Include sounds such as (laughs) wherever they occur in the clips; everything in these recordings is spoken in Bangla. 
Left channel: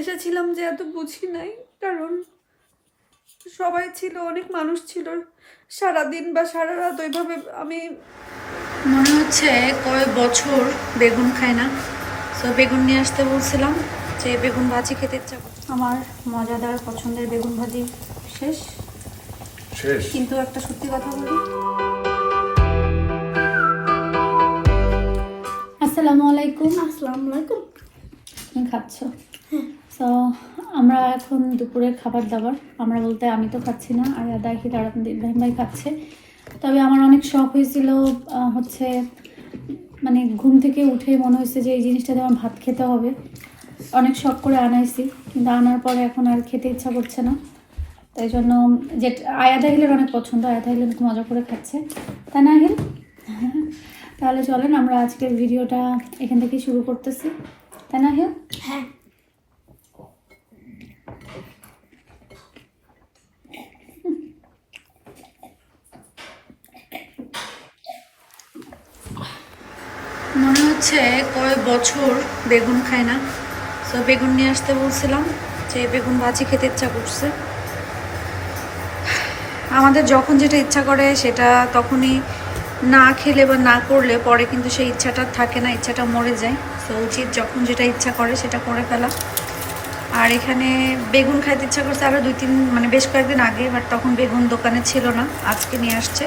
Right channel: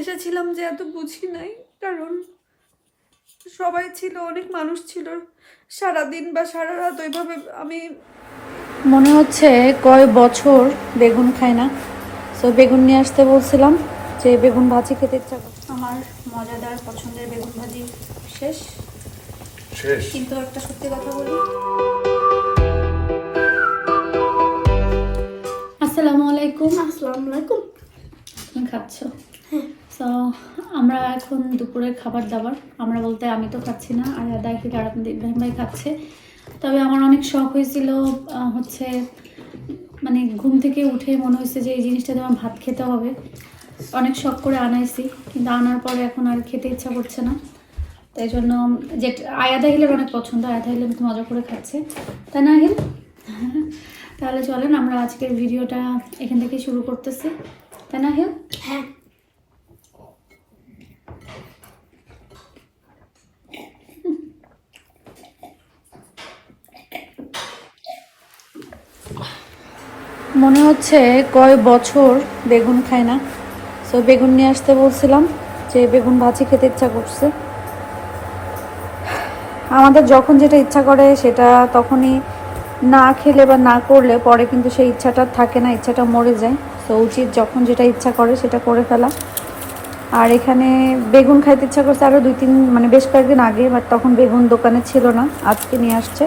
এসেছিলাম যে এত বুঝি নাই কারণ সবাই ছিল অনেক মানুষ ছিল। সারাদিন বা সারা রাত ওইভাবে আমি মনে হচ্ছে কয় বছর বেগুন খাই না। তো বেগুন নিয়ে আসতে বলছিলাম যে বেগুন ভাজি খেতে ইচ্ছা আমার মজাদার পছন্দের বেগুন ভাজি শেষ। শেষ? কিন্তু একটা সত্যি কথা বলি। আসসালামু আলাইকুম। আসসালামু আলাইকুম। তুমি খাচ্ছ? তো আমরা এখন দুপুরের খাবার দাবার। আমরা বলতে আমি তো খাচ্ছি না, আর থেকে আর ইব্রাহিম ভাই খাচ্ছে। তবে আমার অনেক শখ হয়েছিল হচ্ছে মানে ঘুম থেকে উঠে মনে হয়েছে যে এই জিনিসটা আমার ভাত খেতে হবে। অনেক শখ করে আনাইছি, কিন্তু আনার পরে এখন আর খেতে ইচ্ছা করছে না। তাই জন্য যে আয়াদা হিলের অনেক পছন্দ, আয়াদা হিল একটু মজা করে খাচ্ছে। তাই না হিল? তাহলে চলেন, আমরা আজকের ভিডিওটা এখান থেকে শুরু করতেছি। তাই না হিল? হ্যাঁ। মনে হচ্ছে কয় বছর বেগুন খায় না। তো বেগুন নিয়ে আসতে বলছিলাম যে বেগুন ভাজি খেতে ইচ্ছা করছে। আমাদের যখন যেটা ইচ্ছা করে সেটা তখনই না খেলে বা না করলে পরে কিন্তু সেই ইচ্ছাটা থাকে না, ইচ্ছাটা মরে যায়। তো উচিত যখন যেটা ইচ্ছা করে সেটা করে ফেলা। আর এখানে বেগুন খাইতে ইচ্ছা করছে আরও দুই তিন মানে বেশ কয়েকদিন আগে বাট তখন বেগুন দোকানে ছিল না, আজকে নিয়ে আসছে।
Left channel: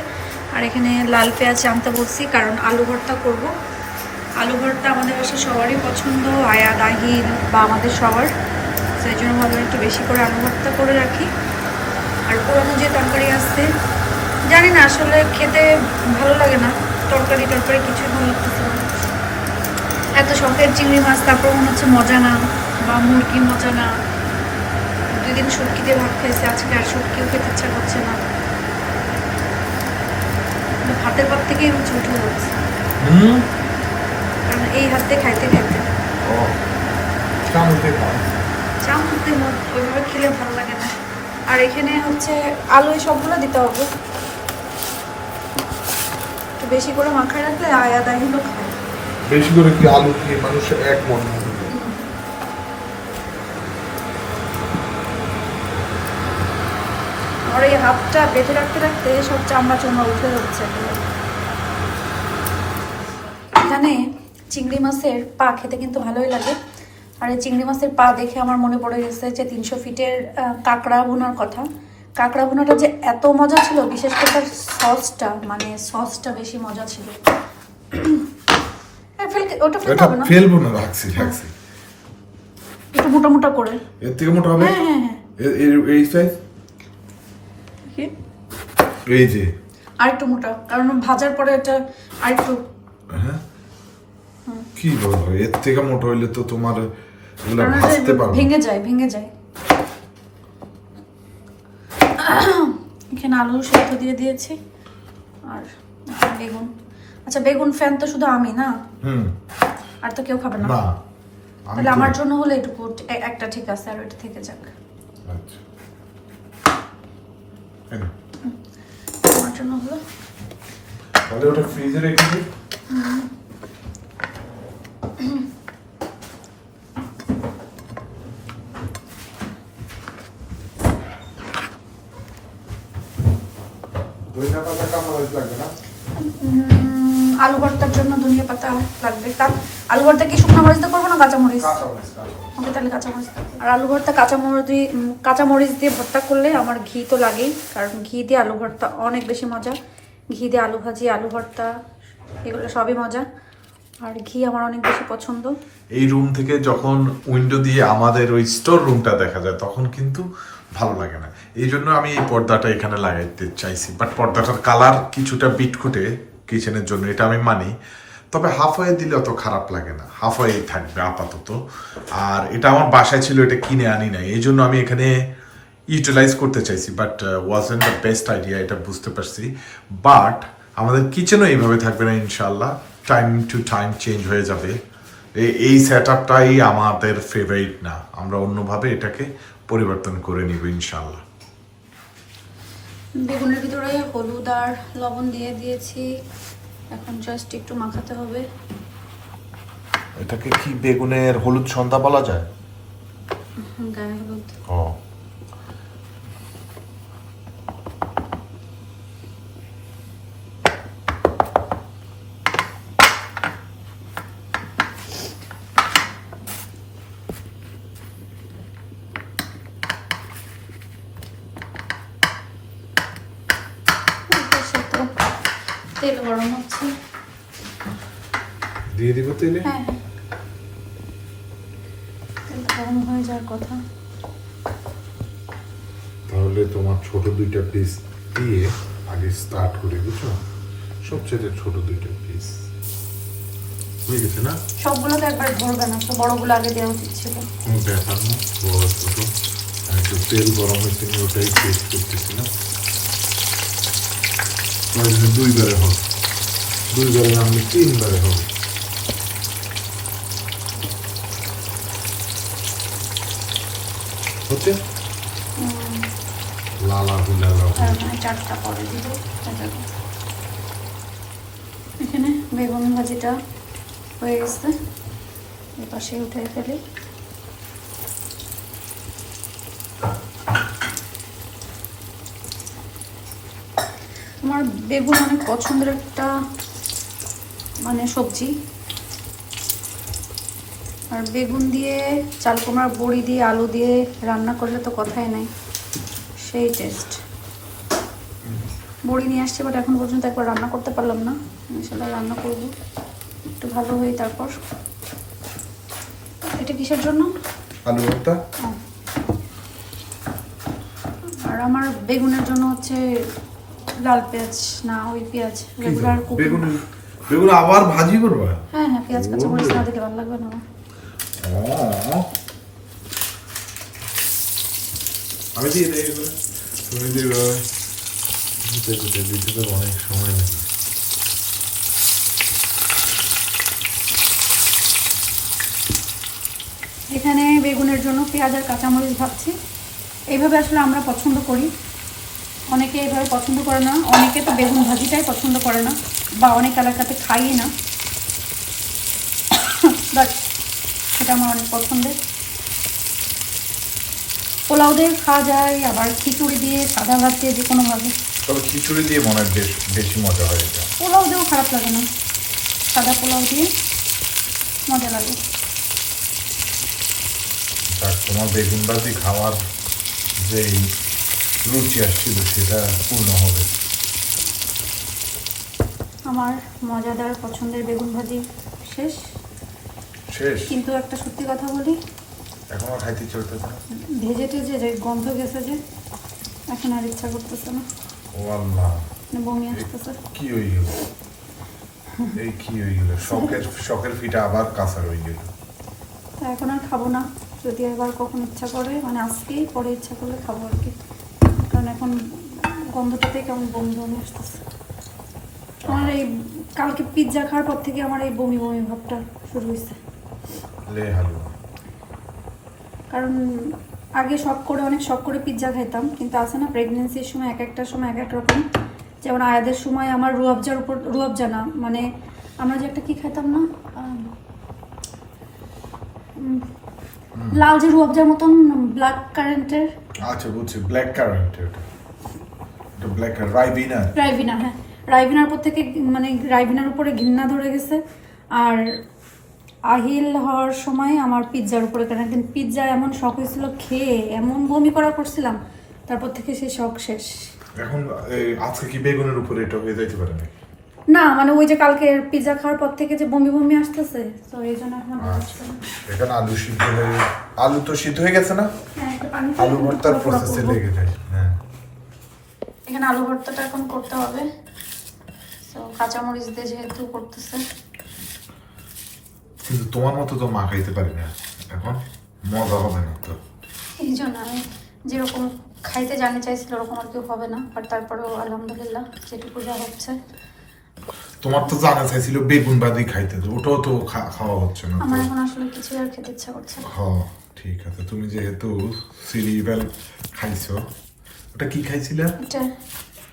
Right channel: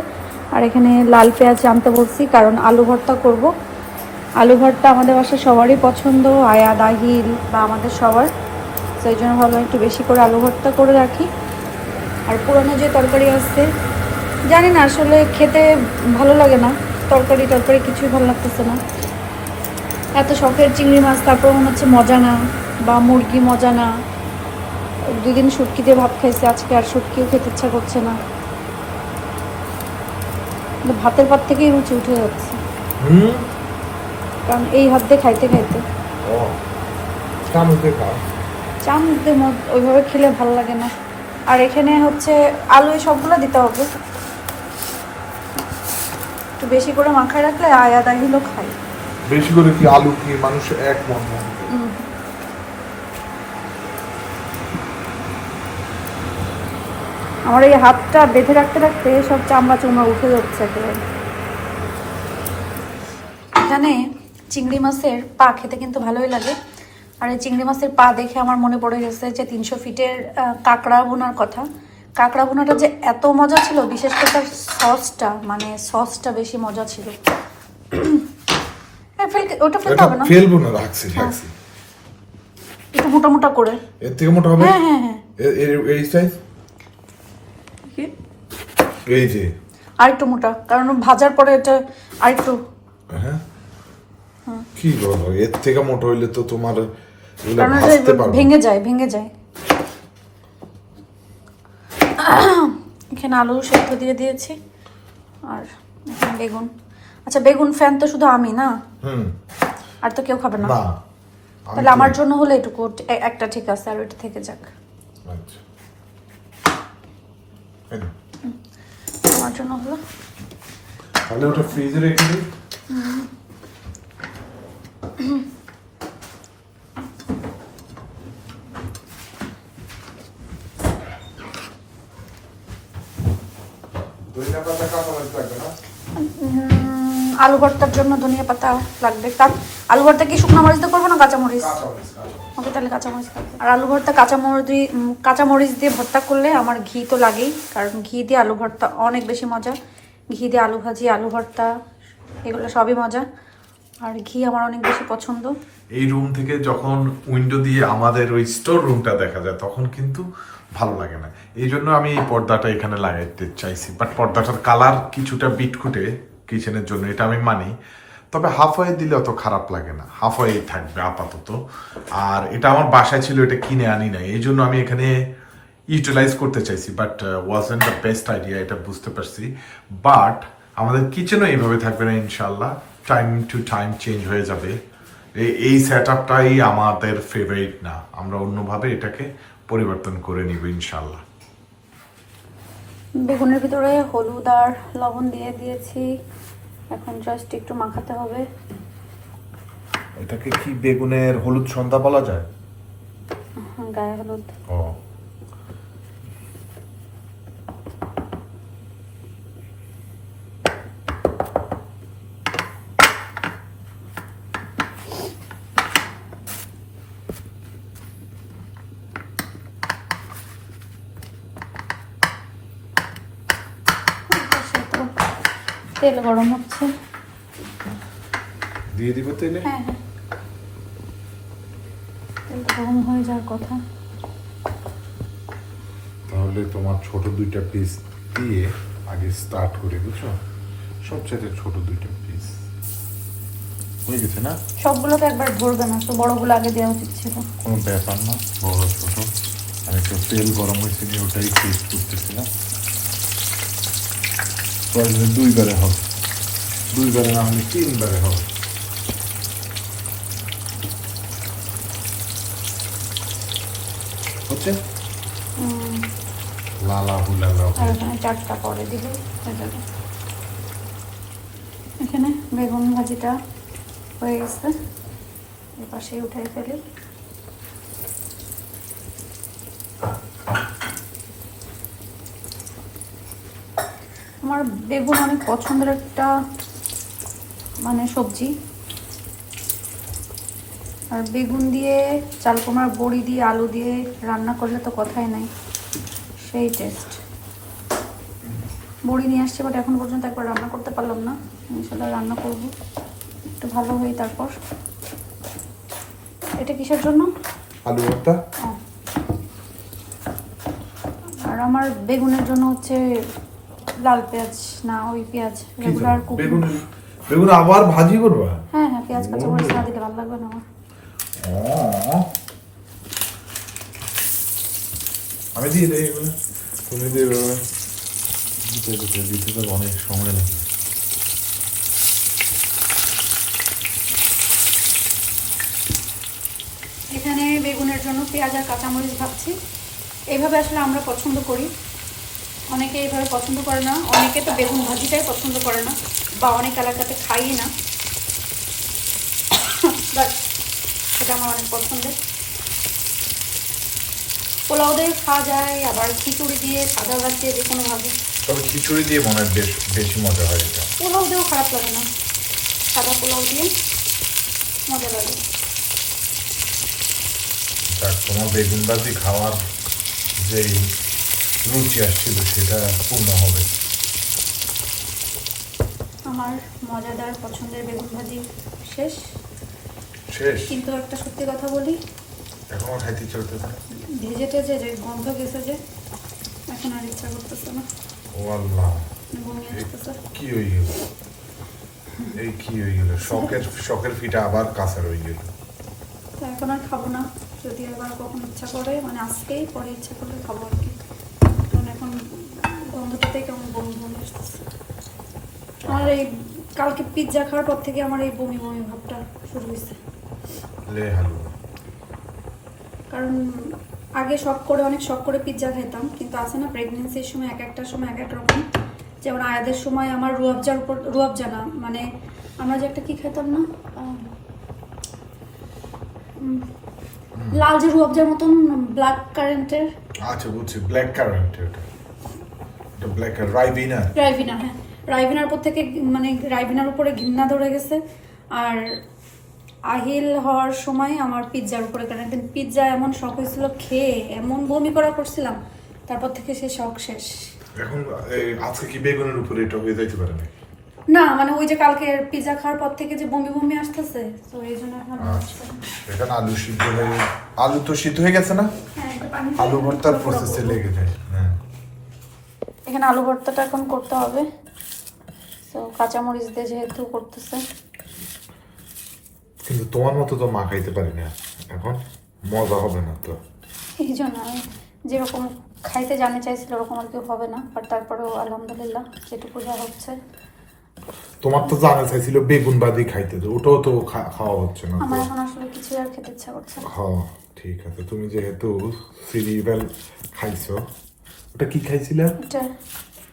আর এখানে লাল পেঁয়াজ আনতে বলছি, কারণ আলু ভর্তা করব। আলু ভর্তা আমাদের বাসায় সবারই পছন্দ, আয়া, দাহিল বা আমাদের সবার। সেই জন্য ভাবলাম একটু বেশি করে আলু ভর্তা করে রাখি। আর পুরোনো যে তরকারি আসছে জানি না, আসলে খেতে ভালো লাগে না। তরকারি তরকারি কিছুই ভালো লাগতেছে না। এত শখের চিংড়ি মাছ, তারপর মনে হচ্ছে মজা না বা মুরগি মজা না। দুই দিন শুটকিতে ভাত খাইছে, আজকে আর শুটকিও খেতে ইচ্ছা করছে না। ভাতের পর থেকেই রুচি উঠে যাচ্ছে। কারণ এই হাত দিয়ে খাইতে খাইতে। ও চামচে খাও চামচে ওইভাবে খেলে ভালো লাগে না। আর এখানে হচ্ছে আলু এই সবগুলো দিতে হবে। একটু বেশি করে মাখায় রাখলে খায়। বেশি করে কি আলু কি মানুষ এক মন আমার এই হাতটা বেঁধে রাখতে রাখতে সব চামড়া চুমড়া উঠে যাচ্ছে একেবারে। এখানে চিংড়ি মাছের পা খেতে কিন্তু ভালোই লাগে। আর এই চিংড়ি মাছের পা দেখে আমার মনে পড়ে গেছে যে তিনশো ফিটের কাঁকড়া ভুনার কথা। কাঁকড়া ভুনাটা যে এত মজা ছিল বিশেষ করে তার সসটা মানে সসটা বেশি মজা ছিল। হ্যাঁ, ওটা ফেলতে হবে না। ফেলব না রাখছি রাখছি। একটু মোটা মোটা করে। এর থেকে মোটা হবে? হ্যাঁ হ্যাঁ হ্যাঁ। এই সাইজ এই যে। আর একটু মোটা কারণ ভাজার পরে এটা আর একটু হ্যাঁ। কি বলো? এর থেকে মোটা হইলে তো তোমার এগুলো ভাজতে পারবে। ভেঙে যায় ভেঙে যায়। এখানে আলু সেদ্ধ দিয়ে দিয়েছি আর বেগুন। আচ্ছা বেগুন ফ্যান তো শুধু আমি না? হুম। আর তো কেউ খাবে না। তাহলে আমার জন্য হলে এটুকু একটা ঠিক আছে আর ওইটা থেকে যাক। আচ্ছা। আমার জন্য হলো। তাহলে ওটা ফ্রিজে রেখে দিই ধনিয়া পাতা কাঁচা মরিচ লাগবে না উম, আলু ভর্তার জন্য ধনিয়া পাতা লাগবে। আলু ভর্তা কি শুকনো মরিচ দিয়ে করব না কাঁচা মরিচ কাঁচা মরিচ কাঁচা মরিচ। ওকে তাহলে কাঁচামরিচ আর আলু ভর্তা কাঁচামরিচ দিয়ে কাঁচামরিচ দিয়ে ভর্তা করলে আমার ঘি তো লাগেই কারণ ঘি দিয়ে আলু ভর্তা অনেক বেশি মজা। ঘি দিয়ে আলু ভাজি আলু ভর্তা এগুলো সবই মজা। আর ঘি আমার অনেক বেশি পছন্দ। এই রুম থেকে যখন উইন্ডো দিয়ে আমাদের ওই স্টোর রুমটা দেখা যায়, তখন কিন্তু ভালো লাগে না। এই জন্য আমি এই পর্দাটা এখানে লাগাইতে চাইছি। বাট পর্দাটার কালার কিছুটা বিটকুটে কিচেনের জন্য, এটা আমি মানি। তবে হাফ ওয়ে দিলে অত খারাপ লাগে না। হাফ ওয়ে থাকবে আপাতত। আর এটা আমার বাসায় ছিল, এটা কিনে আনি নাই। এই জন্য আমি এখানে ইউটিলাইজ করতে চাইছি। But wasn't the best idea এটা বুঝতে পারছি। বাট আমাদের কিচেনও এইভাবে থাকবে না ইনশাল্লাহ টাইম টু টাইম চেঞ্জ হয়ে যাবে। এই- সেট আপটাই আমাদের ফেভারিট না। আমরা অন্যভাবে এটাকে পরিবর্তন করে নিব ইনশাল্লাহ বেগুনের ভিতরে হলুদ আর লবণ দিয়ে দিয়েছি। এখন জাস্ট একটু মাখাতে হবে। এটাকে কি বেগুনের হলুদ সন্ধ্যা বলা যায়? গায়ে হলুদ। ও সে তো তেল গরম হচ্ছে। দিয়ে দিব তেলে? হ্যাঁ হ্যাঁ। তেল গরম হয়ে যাওয়ার কথা। তাহলে তোমার ছোট দুইটা পিস দিয়ে আগে স্টার্ট করে বুঝছ? সবচেয়ে ছোট দুইটা পিস হয়ে গেছে না? সবগুলো তো একবার ভরবে না তো বড়গুলো আগে দেওয়া উচিত ছিল। কোনো ব্যাপার না বড় ছোট। আর একটু তেল গরম হয়েছে ওটাই টেস্ট করতেছি না। দুইবারে হবে। দুইবারে না হলে তিনবারে হবে হচ্ছে? লালা বলে চারটা পরে দিলে এখানে। বেগুন ভাজিটা হয়ে গেছে। এ পাশে উঠে ফেলি। আমার বেগুন অনেক পছন্দের একটা মানে সবজি। আর বেগুন দিয়ে চাল কুমড়ার বড়ি দিয়ে আলু দিয়ে রান্না করলে তো কথাই নাই। সেই টেস্ট বড়ি নিয়ে আসছি বাট এখন পর্যন্ত একবার রান্না করতে পারলাম না। ইনশাল্লাহ রান্না করব। একটু ভালো হই তারপর। এটা কিসের জন্য? আলু ভর্তা। আর আমার বেগুনের জন্য হচ্ছে লাল পেঁয়াজ না ওই পেঁয়াজ রেগুলার কুকিং বেগুন বেগুন আবার ভাজি করবা? হ্যাঁ হ্যাঁ পেঁয়াজ কাঁচামরিচ না দিলে ভালো লাগবে না আমার। আমি দিয়ে দেই তুমি দেবে দিতে দিতে দিতে তো অনেক সময় লাগে এখানে বেগুনের জন্য পেঁয়াজ আর কাঁচামরিচ ভাবছি এইভাবে আসলে আমরা পছন্দ করি। অনেকে এইভাবে পছন্দ করে না অনেকে তো বেগুন ভাজিটাই পছন্দ করে না বা অনেক এলাকাতে খাই না। বাট সেটা আমার অনেক পছন্দের। পোলাও দিয়ে খাওয়া যায় আবার খিচুড়ি দিয়ে সাদা ভাত দিয়ে যে কোনোভাবে তবে খিচুড়ি দিয়ে মনে হয় বেশ বেশি মজা হয় এটা। পোলাও দিয়েও খারাপ লাগে না। সাদা পোলাও দিয়ে মজা লাগে। তোমার বেগুন ভাজি খাওয়ার যেই রুচি আসছিল সেটা পূর্ণ হবে। আমার মজাদার পছন্দের বেগুন ভাজি শেষ। শেষ? কিন্তু একটা সত্যি কথা বলি। এখনও খাইতে চলতেছে না? ভেজে টেজে যে গন্ধ গেছে যে এখন আর ইচ্ছা করতেছে না। ও আল্লাহ। মানে বমি আসতেছে। কি হয়ে গেল? এই কি হয়ে গেল? শখের শখের ফিটা আবার কাঁচা রয়ে গেল। তো এখন আর খাব না। যদি এবার কখন ইচ্ছা করে মানে আজকেই পরে ইচ্ছা করলে খাব আর কি। এখন গন্ধটাতে কেমন বমি বমি আসতেছে। আমার এই কালকে পিৎজা খাওয়ার পর থেকে আমার এই বমি বমি ভাবটা শুরু হয়েছে কারণ আগে শখ করে অনেক শখ করে পিৎজা খাইতাম কিন্তু আছে না প্রেগনেন্সির সময় এক একটা সময় এক এক রকম। যেমন আয়াদের সময় আমার রুয়াবজার উপর রুয়াবজা না মানে আমরা যে একটা কি খাইতাম না? লাল যে রুয়াবজার মতন ব্ল্যাক কারেন্টের আচ্ছা বুঝছি ব্ল্যাক কারেন্ট এটা এটা ব্ল্যাক রাইবিনা রাইভিনা হ্যাঁ। রাইভিনার উপর থেকে মানে রাইভিনার উপরে ঘৃণা ধরে গেছে। আর আহিল হওয়ার সময় আমার পিৎজার উপরে কেন? একদিন পিৎজা এমন শখ হয়েছিল খেয়ে এমন বমি করা করছিলাম তারপর থেকে সে শখ শেষ। এখন আজকে কি বেগুনের উপরে এটা হয়ে যাইতে পারে না না মানে ওই যে কালকে পিৎজা খাওয়ার পর থেকে যে বমি বমি আসতেছে তো এই জন্য এখন আর আচ্ছা। না। এখানে আলু সিদ্ধ হয়ে আলু তো সিদ্ধ হয়ে গেছে না? হ্যাঁ, একটু পানি দিয়ে আলু ভর্তার পুরো পুরো প্রসেসে লেগে যায় হ্যাঁ। এখানে আলু ভর্তাটা এখন করতে হবে। তো কাঁচামরিচ দিয়ে যেহেতু করতেছে। কিন্তু তোমার মতো তো মা খাইতে পারি না। এখন মজা হবে না তো। এই জন্য আমি যেরকম খাইতে জানতে চাইছিল ওরকম আর কেউ হবে না। বাট তারপরেও আলহামদুলিল্লাহ যেটুকু যা হচ্ছে। তোমার তো জানা চাইছিল বেগুন বাদি খাইতে তো ওটাও তো খাওয়া হচ্ছে না আমার এখন আসলে কিছুই আর খেতে ইচ্ছা করছে না। হ ঠিক আছে। তুমি যেহেতু সিরিয়াল খাইছো ওটা কি খাইছিলে? এটা।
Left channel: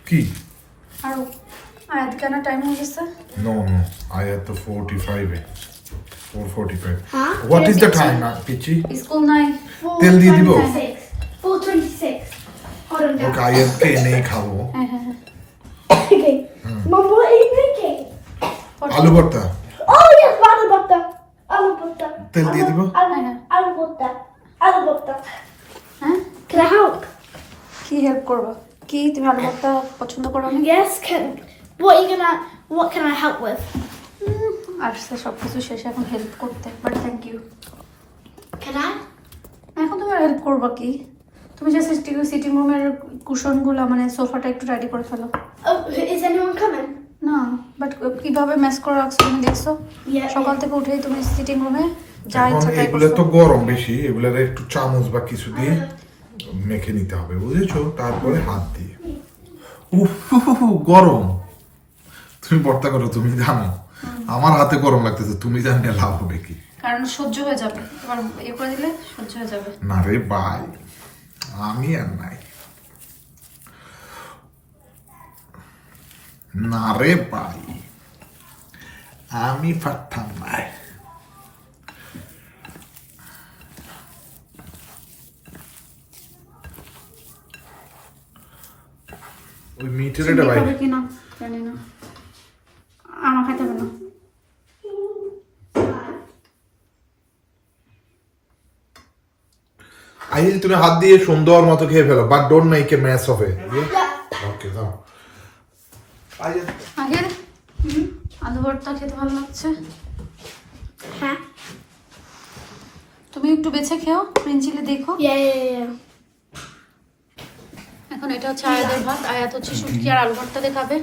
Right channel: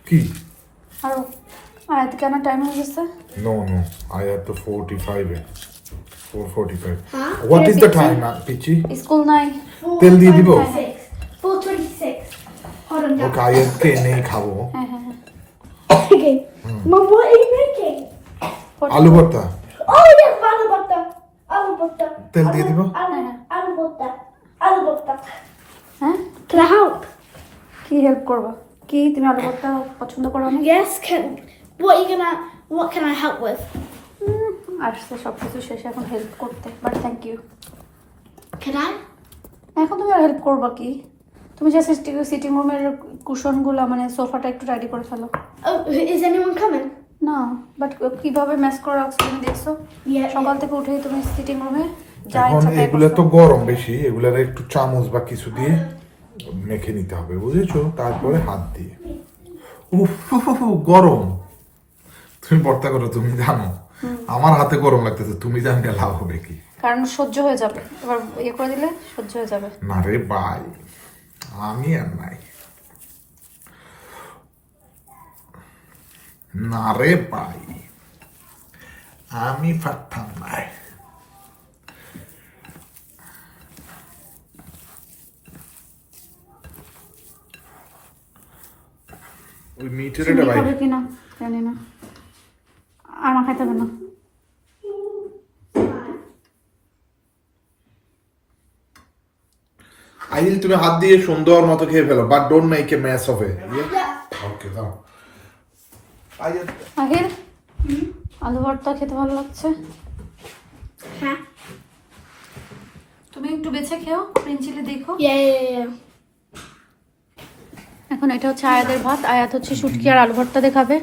কি? আরও আয়াত কেন টাইম হয়ে গেছে? নো নো আই হ্যাভ তো ফোরটি ফাইভে four forty five Huh? What is the time না পিচি স্কুল নাই তেল দিয়ে দিব? 426. 426. Hold on. ওকে আইএসকে এনেই খাব। হ্যাঁ হ্যাঁ হ্যাঁ. Mom, আলু ভর্তা? আলু ভর্তা আলু ভর্তা তেল আলু ভর্তা আলু ভর্তা হ্যাঁ। খাও হ্যাঁ? কি হেল্প করব? কি তুমি আলু ভর্তা পছন্দ করো না? গ্যাস খেন what you gonna what can i help with? সব কিছু শেষ এখন হেল্প করতে বাট থ্যাংক ইউ খেলা এখন তুমি হেল্প করব কি? তুমি জাস্ট সিটিং রুমের কুশনগুলো মানে সোফাটা একটু রেডি করে ফেলো। ইজ এনিওয়ান কামিং না বাট কীভাবে ম্যাচ করে রাখছো তুমি দেখছ সকাল থেকে উঠেই তুমি সিটিং রুমে যা ইচ্ছা তাই এগুলো তো গরম বেশি এগুলোর একটু চামচ বা কিছু দিয়ে মেখে নিতে হবে বুঝেছ? তারপরে হাত দিয়ে। উফ গরম। তুমি ভর্তা করো তুমি জানো। আমার হাতে গরম লাগতেছে তুমি জানলে লাভ হবে কি? কারণ সহ্য হয়ে যাবে। এবার ইয়ে করে দিলে সহ্য হয়ে যাবে। না রে ভাই আমি আর নাই। না রে ভাই আমি পারতাম নাই ওই মিটের এটা ভাই। না জানি না। আমার খাইতে হবে না। আইল তুমি হাত দিয়ে সুন্দর মতো খেয়ে ফেলো but don't make a match of a okay দাও। আইল আগে? আলু ভর্তা খেতে ভালো লাগছে? Huh? তুমি একটু বেছে খেও প্রিন্সিলে দেখো. এখন এটা হচ্ছে আয়াতের ভাত আয়াত হচ্ছে শুটকি আর আলু ভর্তা দেখাবে।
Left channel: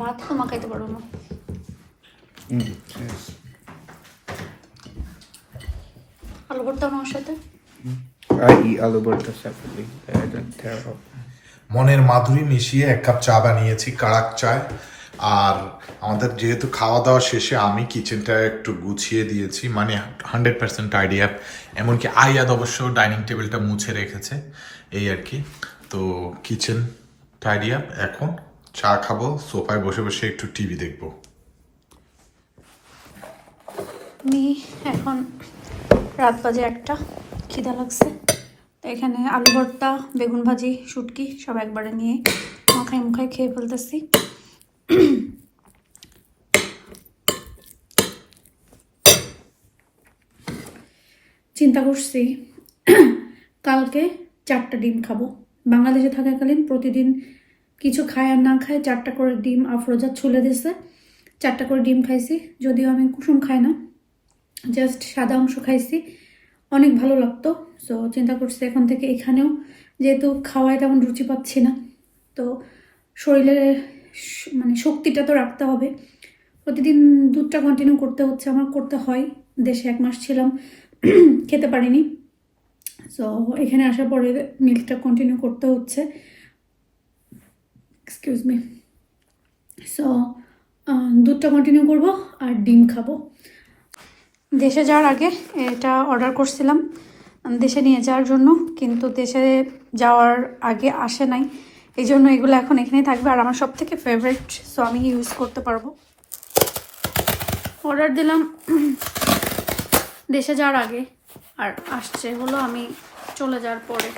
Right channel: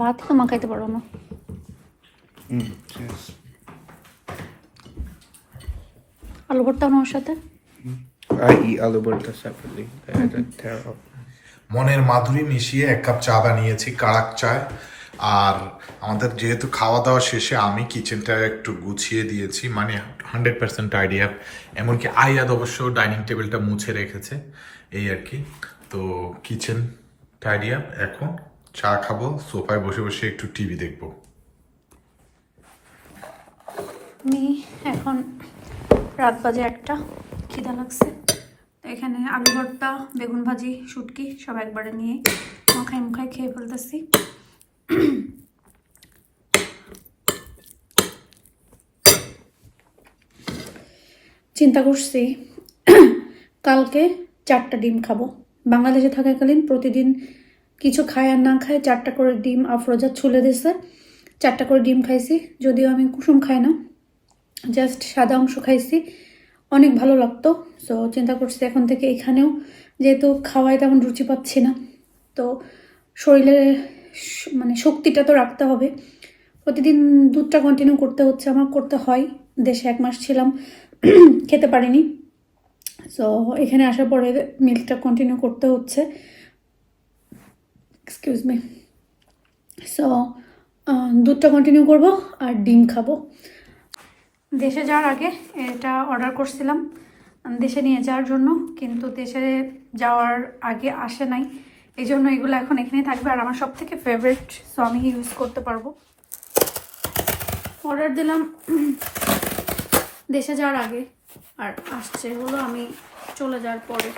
ভাত তো মা খাইতে পারব না। Mm, আলু ভর্তা আমার সাথে? I eat aloo burta separately. I don't tear up. মনের মাধুরী মিশিয়ে এক কাপ চা বানিয়েছি কাড়াক চায় আর আমাদের যেহেতু খাওয়া দাওয়া শেষে আমি কিচেনটা একটু গুছিয়ে দিয়েছি মানে হান্ড্রেড পার্সেন্ট আইডিয়া এমনকি আয়াদ অবশ্য ডাইনিং টেবিলটা মুছে রেখেছে এই আর কি তো কিচেন টাইডি আপ এখন চা খাব সোফায় বসে বসে একটু টিভি দেখব আমি এখন রাত বাজে একটা খিদা লাগছে তো এখানে আলু ভর্তা, বেগুন ভাজি, শুটকি সব একবারে নিয়ে মাখাই মুখাই খেয়ে ফেলতেছি। চিন্তা করছি কালকে চারটা ডিম খাব। বাংলাদেশে থাকাকালীন প্রতিদিন কিছু খায় আর না খায় চারটা করে ডিম আফরোজা ছুলে দিছে। চারটা করে ডিম খাইছি, যদিও আমি কুসুম খাই না, জাস্ট সাদা অংশ খাইছি। অনেক ভালো লাগতো। সো চিন্তা করছি এখন থেকে এখানেও যেহেতু খাওয়ায় তেমন রুচি পাচ্ছি না। তো শরীরে শ- মানে শক্তিটা তো রাখতে হবে। প্রতিদিন দুধটা কন্টিনিউ করতে হচ্ছে, আমার করতে হয়। দেশে এক মাস ছিলাম, (clears throat) খেতে পারিনি। সো এখানে আসার পরে মিল্কটা কন্টিনিউ করতে হচ্ছে। এক্সকিউজ মি সো দুধটা কন্টিনিউ করব আর ডিম খাব। দেশে যাওয়ার আগে এটা অর্ডার করছিলাম। দেশে নিয়ে যাওয়ার জন্য কিন্তু দেশে যাওয়ার আগে আসে নাই। এই জন্য এগুলো এখন এখানেই থাকবে। আর আমার সব থেকে ফেভারিট সো আমি ইউজ করতে পারব। অর্ডার দিলাম দেশে যাওয়ার আগে। আর আসছে হলো আমি চলে যাওয়ার পরে।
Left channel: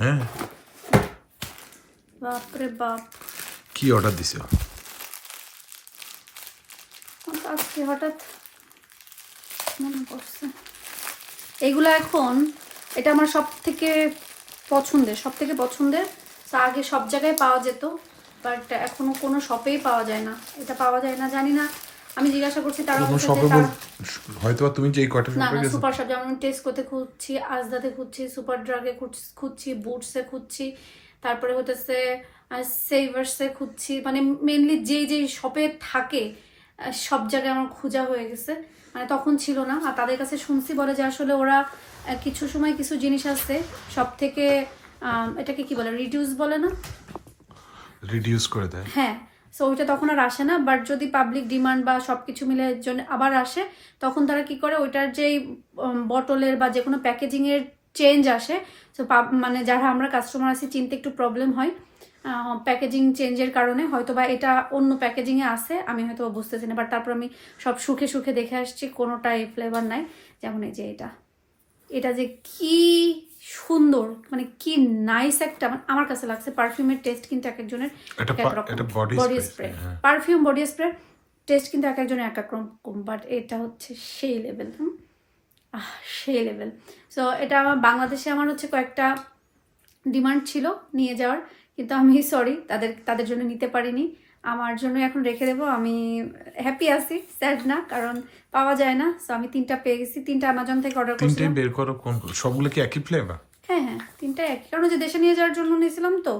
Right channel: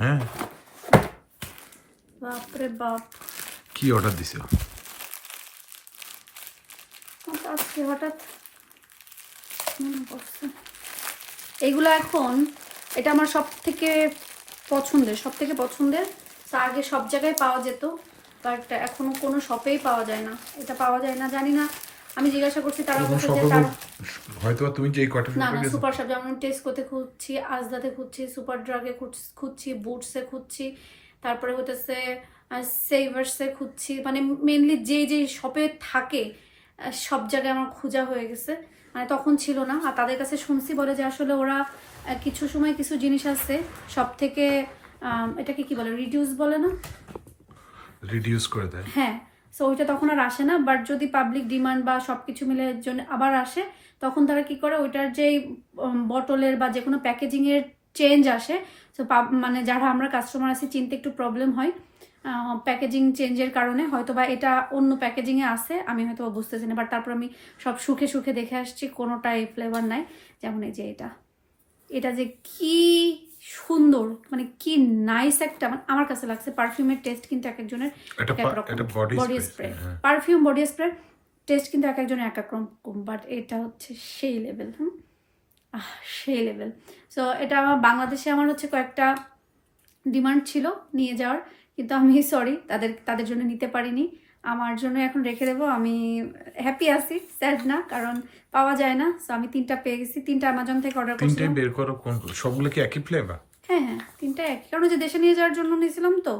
হ্যাঁ। বাপরে বাপ। কি অর্ডার দিছো? আজকে হঠাৎ মনে পড়ছে। এইগুলো এখন এটা আমার সব থেকে পছন্দের সব থেকে পছন্দের। তা আগে সব জায়গায় পাওয়া যেত বাট এখনও কোনো শপেই পাওয়া যায় না। এটা পাওয়া যায় না জানি না। আমি জিজ্ঞাসা করছি তারা বলছে যে তারা হয়তো তুমি যেই কয়টা না না সুপার শপ যেমন টেস্ট করতে খুঁজছি আজদাতে খুঁজছি সুপার ড্রাগে খুঁজছি বুটসে খুঁজছি। তারপরে হতেছে সেভার্সে খুঁজছি। মানে মেনলি যে যে শপে থাকে সব জায়গায় আমার খোঁজা হয়ে গেছে। মানে তখন ছিল না। আর তাদের কাছে শুনছি বলে যে আসলে ওরা কিছু সময় কিছু জিনিস আছে সব থেকে এটাকে কি বলে রিডিউস বলে না? রিডিউস করে দেয়। হ্যাঁ। সো ওইটা তখন আর আসে না। বাট যদি পাবলিক ডিমান্ড বা সব কিছু মিলে জন্য আবার আসে তখন তারা কি করে ওইটার যেই বটলের বা যে কোনো প্যাকেজিংয়ের চেঞ্জ আসে সো মানে যারা আমরা কাস্টমার আছি চিনতে একটু প্রবলেম হয়। প্যাকেজিং চেঞ্জের কারণে হয়তো বা এটা অন্য প্যাকেজিংয়ে আছে আমি হয়তো বা বুঝতেছি না বাট তারপর আমি সব সুখে সুখে দেখে আসছি কোনোটাই ফ্লেভার নাই যেমন এই যে এটা। এটা যে কি সুন্দর মানে কি নাইস একটা মানে আমার কাছে লাগছে পারফিউমের টেস্ট কিন্তু এক একজনের এক এক রকম। Body spray. Perfume body spray test কিন্তু এক একজনের এক এক রকম বাট এটা হচ্ছে সেই লেভেল হুম? আহ সেই লেভেল সো এটা আমার বাংলাদেশে আমার হচ্ছে কয়েকটা ডিমান্ড ছিল নিয়ে যাওয়ার। কিন্তু আমি সরি তাদের তাদের জন্য নিতে পারিনি। আমার জন্য এখন রেখে দেবো। আমি হ্যাপি আছি স্যাড না কারণ পাওয়া যায় না। সো আমি তিনটা পেয়ে গেছি। তিনটা অ্যামাজন থেকে অর্ডার তিনটাই করছিলাম। বের করো কোন সবগুলো কি একই ফ্লেভার হ্যাঁ হ্যাঁ তিনটা একই। কারণ যে দেশে নিয়ে যাওয়ার জন্য নিয়েছিলাম তো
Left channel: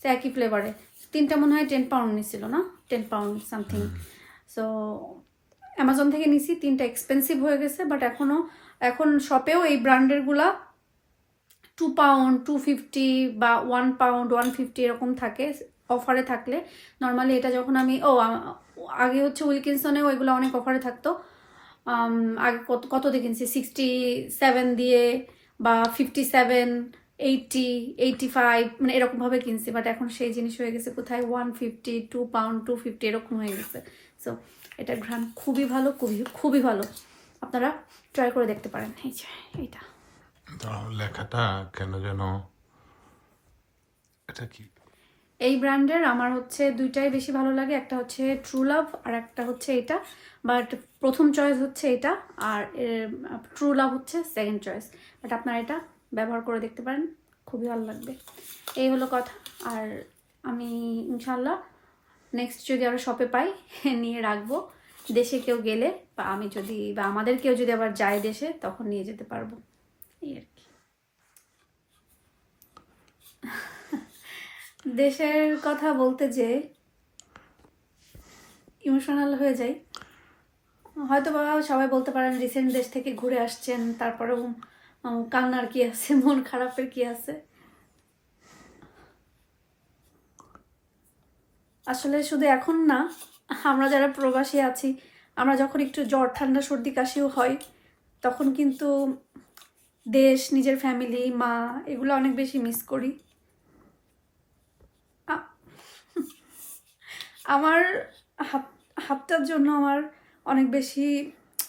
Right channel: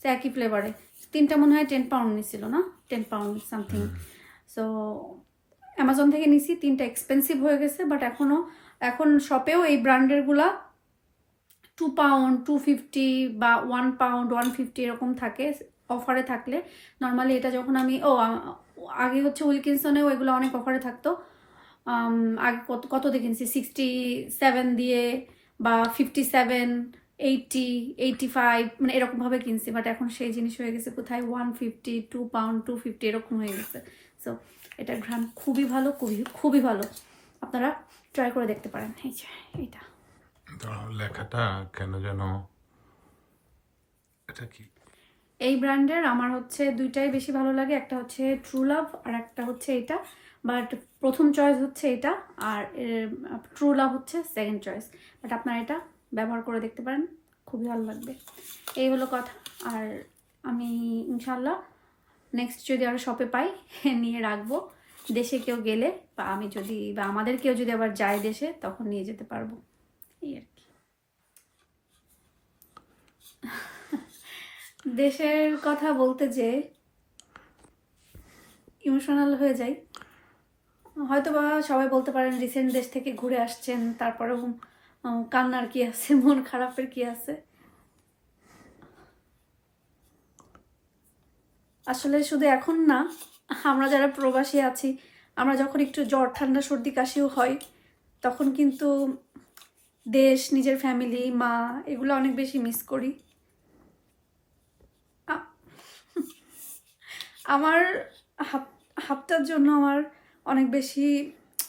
সে একই ফ্লেভারে তিনটা মনে হয় টেন পাউন্ড নিয়েছিল না? Ten pound something so Amazon থেকে নিছি। তিনটা এক্সপেন্সিভ হয়ে গেছে বাট এখনও এখন শপেও এই ব্র্যান্ডেরগুলা টু পাউন্ড টু ফিফটি বা ওয়ান পাউন্ড ওয়ান ফিফটি এরকম থাকে অফারে থাকলে। নর্মালি এটা যখন আমি, ও আগে হচ্ছে উইলকিনসনেও এগুলো অনেক অফারে থাকতো। আগে কত কত কিনছি? সিক্সটি সেভেন দিয়ে বা fifty seven eighty eighty five মানে এরকমভাবে কিনছি। বাট এখন সেই জিনিস হয়ে গেছে কোথায়? One fifty two pound two fifty এরকম হয়ে গেছে। সো এটা ঘ্রাণ খুবই ভালো, খুবই খুবই ভালো। আপনারা ট্রাই করে দেখতে পারেন। এই যে, এইটা। লেখাটা কেন যেন এটা কি? এই ব্র্যান্ডের আমার হচ্ছে দুইটাই বেশি ভালো লাগে, একটা হচ্ছে ট্রু লাভ আর একটা হচ্ছে এটা বাট প্রথম চয়েস হচ্ছে এটা আর ট্রু লাভ হচ্ছে সেকেন্ড চয়েস বাট আপনারা এটা ব্যবহার করে দেখতে পারেন, খুবই ভালো লাগবে। এই হলো কথা। আর আমি ইনশাল্লাহ নেক্সট যদি আরও শপে পাই, (laughs) নিয়ে রাখব। দেশে কেউ গেলে বা আমি যদি বা আমাদের কেউ যদি আবার যায় দেশে, তখন নিয়ে যেতে পারব এই আর কি দেশের কথা বলতে যে ইমোশনাল হয়ে যাই। হয়তো বা সবাই বলতে পারেন রিসেন্ট দেশ থেকে ঘুরে আসছেন, তারপরেও কান্নার কি আছে, মন খারাপের কি আছে? আসলে শুধু এখন না, আমরা যারা প্রবাসী আছি, আমরা যখন একটু জ্বর, ঠান্ডা, সর্দি, কাশিও হয়, তখন কিন্তু দেশ, নিজের ফ্যামিলি মা, এগুলো অনেক বেশি মিস করি। আমার হাত, হাতটার জন্য আমার অনেক বেশি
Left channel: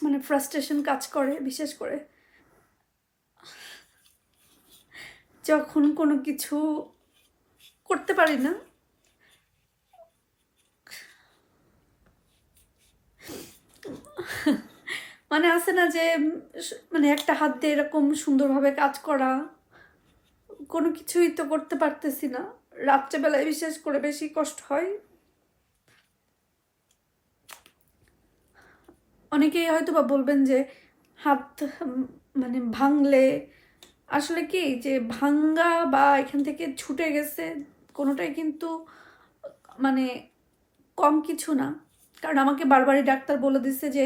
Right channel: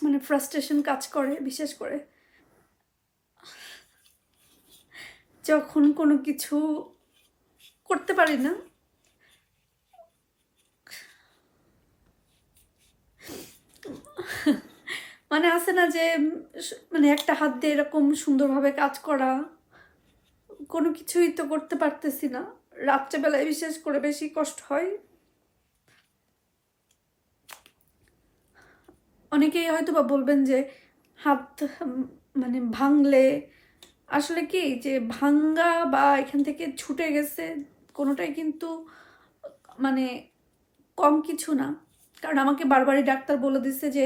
মানে ফ্রাস্ট্রেশন কাজ করে, বিশেষ করে। যখন কোনো কিছু করতে পারি না মানে আছে না যে মানে একটা হাত দিয়ে এরকম সুন্দরভাবে কাজ করা, কোনো কিছুই তো করতে পারতেছি না। রাত্রেবেলায় বিশেষ করে বেশি কষ্ট হয়। অনেকেই হয়তো বা বলবেন যে হাত মানে ভাঙলে আসলে কি যে ভাঙ্গা বা এখান থেকে ছুটে গেছে কোনোটাই কিন্তু মানে কম কিছু না। কারণ আমাকে বারবারই ডাক্তার বলে দিচ্ছে যে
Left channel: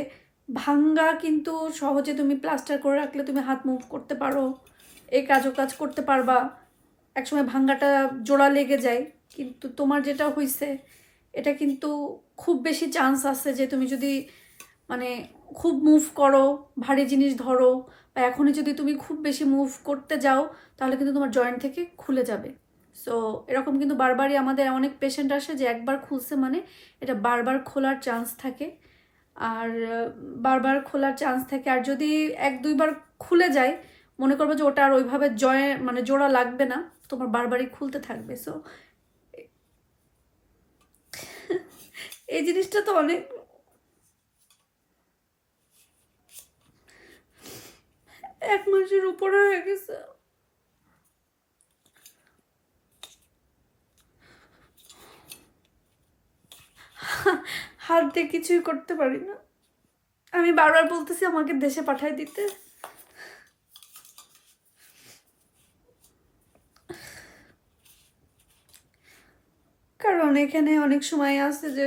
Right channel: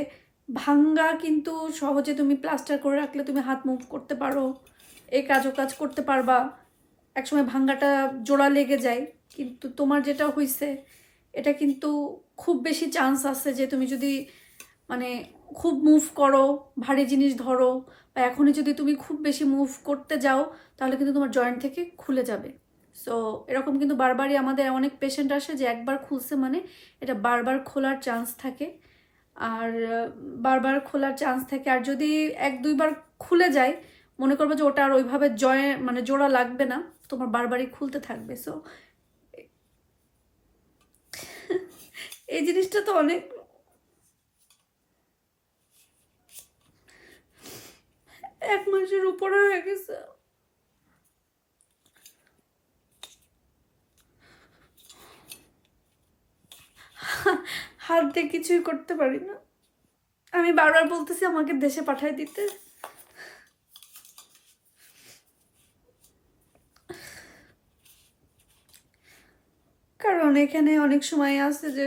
ভাঙ্গা কিন্তু সহজে তুমি প্লাস্টার করে রাখলে তুমি হাত মুভ করতে পারো এই কাজও কাজ করতে পারবা। একসময় ভাঙ্গাটা জোড়া লেগে যায়, কিন্তু তোমার যেটা হয়েছে এটা কিন্তু খুব বেশি চান্স আছে যে তুমি যদি মানে খুব মুভ করো, ভারী জিনিস ধরো, বা এখনই যদি তুমি খুব বেশি মুভ করতে যাও, তাহলে কিন্তু তোমার জয়েন্ট থেকে খুলে যাবে। সো এরকম কিন্তু বারবারই আমাদের অনেক পেশেন্ট আসে যে একবার খুলছে মানে এটা বারবার খোলার চান্স থাকে। আর, বারবার খোলার চান্স থাকে। আর যদি এক দুইবার খুলে যায়, মনে করবে যে ওটা আর ওইভাবে জয়ে মানে জোড়া লাগবে না, তোমার বারবারই খুলতে থাকবে। সো এই জিনিসটা তো অনেক এক মাসের উপরে হয়ে গেছে। হাত দিয়ে কিছুই করতে পারি না। আমি বারবার বলতেছি, আমাকে দেশে পাঠায় দিতে। কারণ এখানে অনেক সময় আছে যে,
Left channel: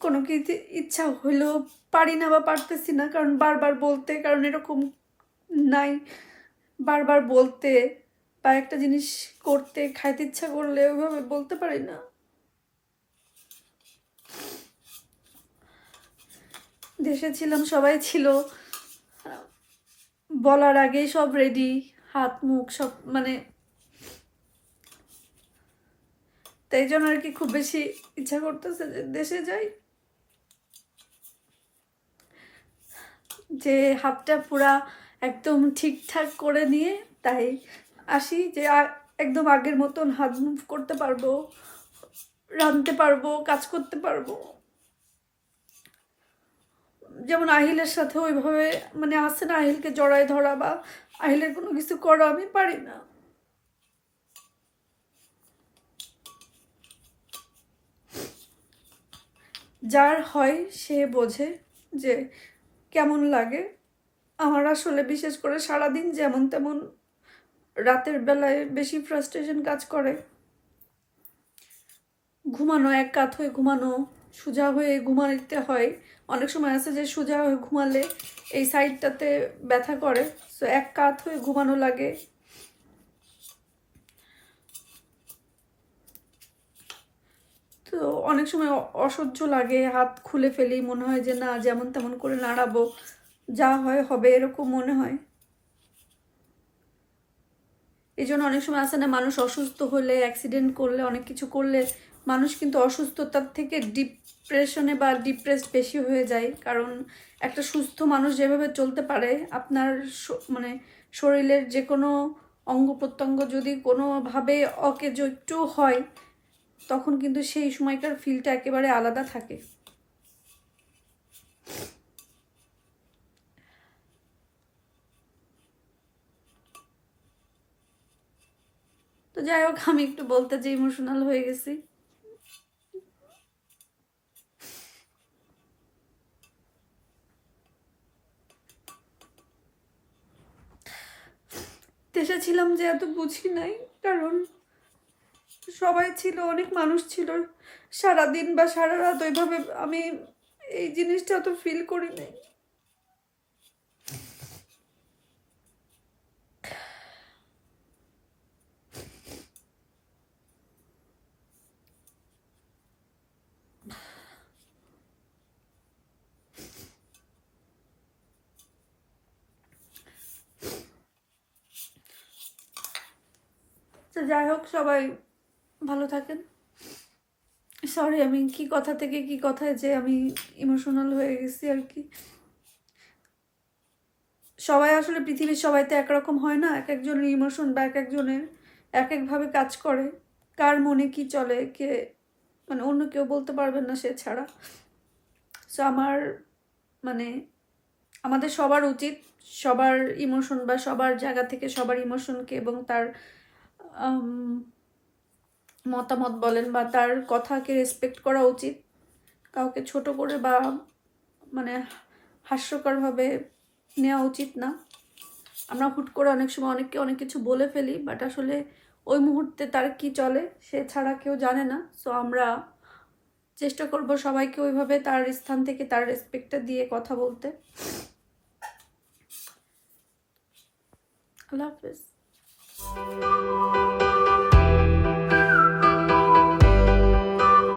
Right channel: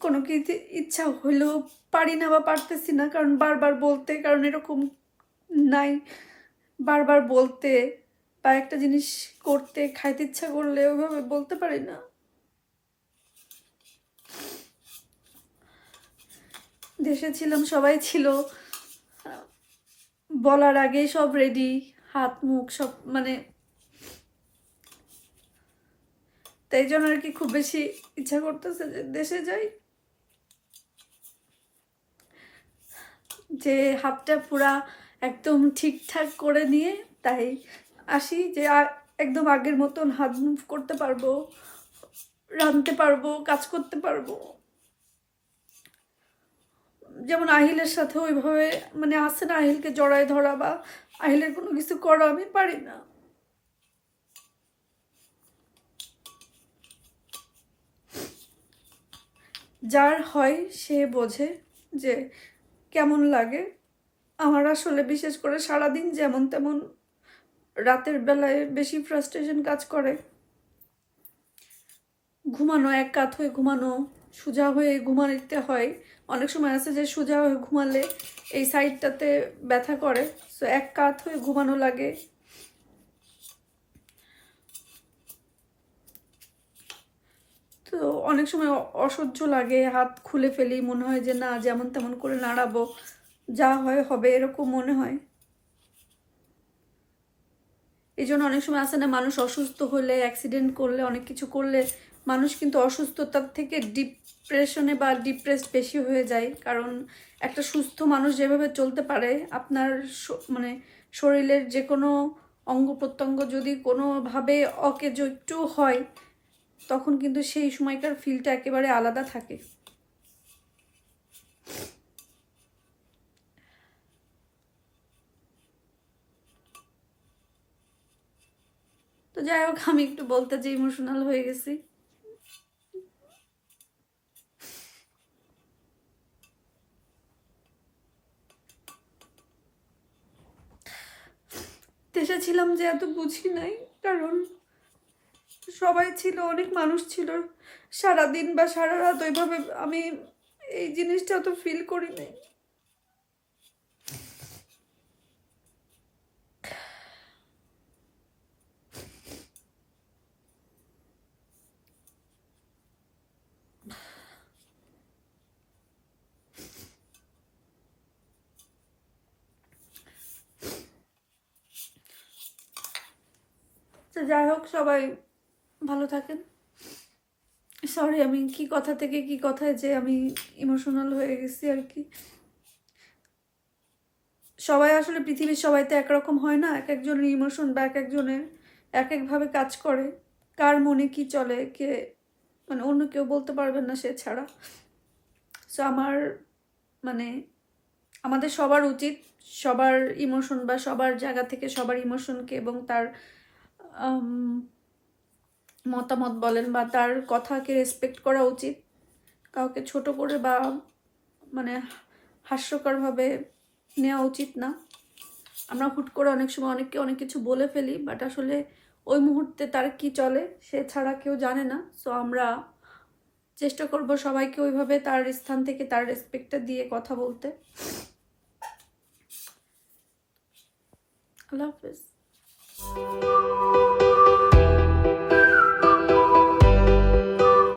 কোনো কিছু ইচ্ছা হইলেও পারি না বা পারতেছি না, কারণ বারবার বলতে, কারণ এরকম নাই। বারবার বলতে বা একটা জিনিস করতে, খাইতে ইচ্ছা করলে ওইভাবে বলতে পারি না। দেশে ছিলাম, সবাই ছিল। বলার আগেই সব রেডি হাত, মুখ সব মানে তাই জন্য আর কি খুব বেশি ইচ্ছা করতেছে যে দেশে যাই। যে হাতটা পুরা একদম ঠিকঠাক করে নিয়ে, তাই আসি যে একদম আগের মতন হাত মুভ করতে পারব, রাঁধতে পারব, কাজ করতে পারব। যেমন আহিলের সাথে ওইভাবে মানে আসে না আহিলকে জড়ায় ধরা বা আহিলের কোনো কিছু করা, আমি পারি না। যার হয় সে বোঝে যে কেমন লাগে। আমার আসলে বিশেষ করে সারাদিন যেমন তেমন রাতের বেলায় বেশি ফ্রাস্ট্রেশন কাজ করে। ঘুমানো এক কাত হয়ে ঘুমানো, সোজা হয়ে ঘুমাতে হয়। অনেক সময় আছে যে সোজা হয়ে ঘুমালে এই সাইডটাতে ব্যথা করে সো এক কাত হয়ে ঘুমানো লাগে। তো অনেক সময় অসহ্য লাগে, হাত খুলে ফেলি, মনে হয় যে না, যেমন তেমন করে নাড়াবো। যা হয়, হবে এরকম মনে হয়। এই জন্য অনেক সময় আসে না, মানুষ অসুস্থ হলে অ্যাক্সিডেন্ট করলে, অনেক কিছু করলে মানুষ কিন্তু অসুস্থতার থেকে ডিপ্রেশনে বা ডিপ্রেসড বেশি হয়ে যায়। কারণ একটা সুস্থ মানুষ যেভাবে চলতে পারে, আপনার মানে শরীরের যে কোনো অঙ্গ প্রত্যঙ্গ যদি কোনোভাবে অকেজ একটু হয়, তখন কিন্তু সেই সময়কার ফিলটা একেবারে আলাদা থাকে। তো যাই হোক, আমি একটু বলতে যে ইমোশনাল হয়ে গেছি। দেশে ছিলাম যে এত বুঝি নাই, কারণ সবাই ছিল, অনেক মানুষ ছিল। সারাদিন বা সারা রাত ওইভাবে আমি এই জিনিসটা অত ফিল করি নাই। যাই হোক, সবাই ভালো থাকেন। সরি আমি কি কথা থেকে কি কথায় যে আমি ইমোশনাল হয়ে গেছি আর কি। সবাই আসলে পৃথিবীর সবাই তো একরকম হয় না, এক একজনের ইমোশন বা এক একজনের এক একভাবে কাজ করে। কার মনে কি চলে, কে মানে অন্য কেউ বলতে পারবেন না সে ছাড়া। সো আমার মানে আমাদের সবার উচিত সবার ইমোশন বা সবার জায়গা থেকে সবার ইমোশনকে এবং তার মতামত বলেন বা তার কথাকে রেসপেক্ট করা উচিত। কাউকে ছোট করে বা মানে হাস্যকরভাবে নেওয়া উচিত না। আমরা হুট করে অনেক সময় অনেককে অনেক কিছু বলে ফেলি বাট আসলে ওই মুহূর্তে তার কি চলে সে ছাড়া কেউ জানে না। সো আমরা চেষ্টা করব সবাইকে ওইভাবে তার স্থান থেকে তার রেসপেক্টটা দিয়ে কথা বলতে। আল্লাহ হাফেজ। Música